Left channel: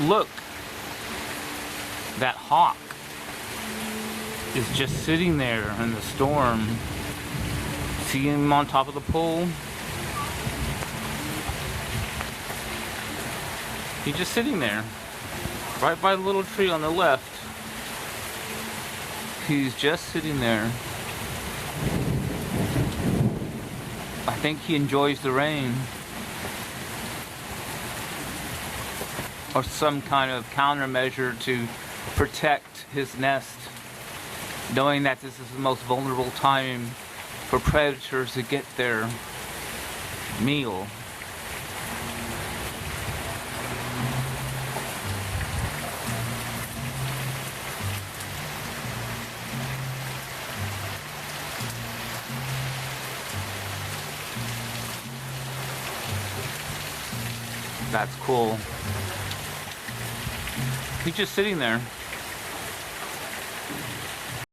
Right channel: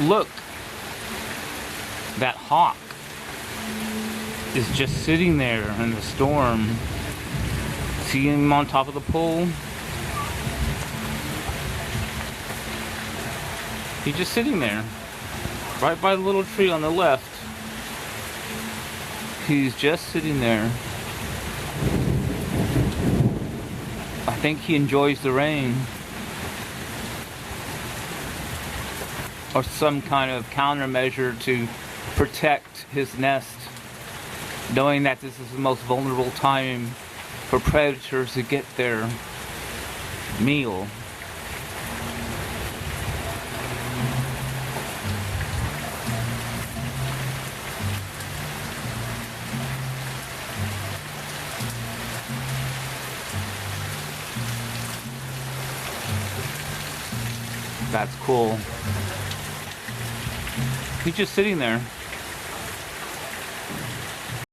Look, that hawk is just sitting there in the storm. See him on top of the pole? He's just sitting there, right by the little tree on the left. He's just sitting there. I think he enjoys the rain. Or some kind of countermeasure to protect his nest, knowing that this is the most vulnerable time for predators to get their meal. That's cool. He's just sitting there.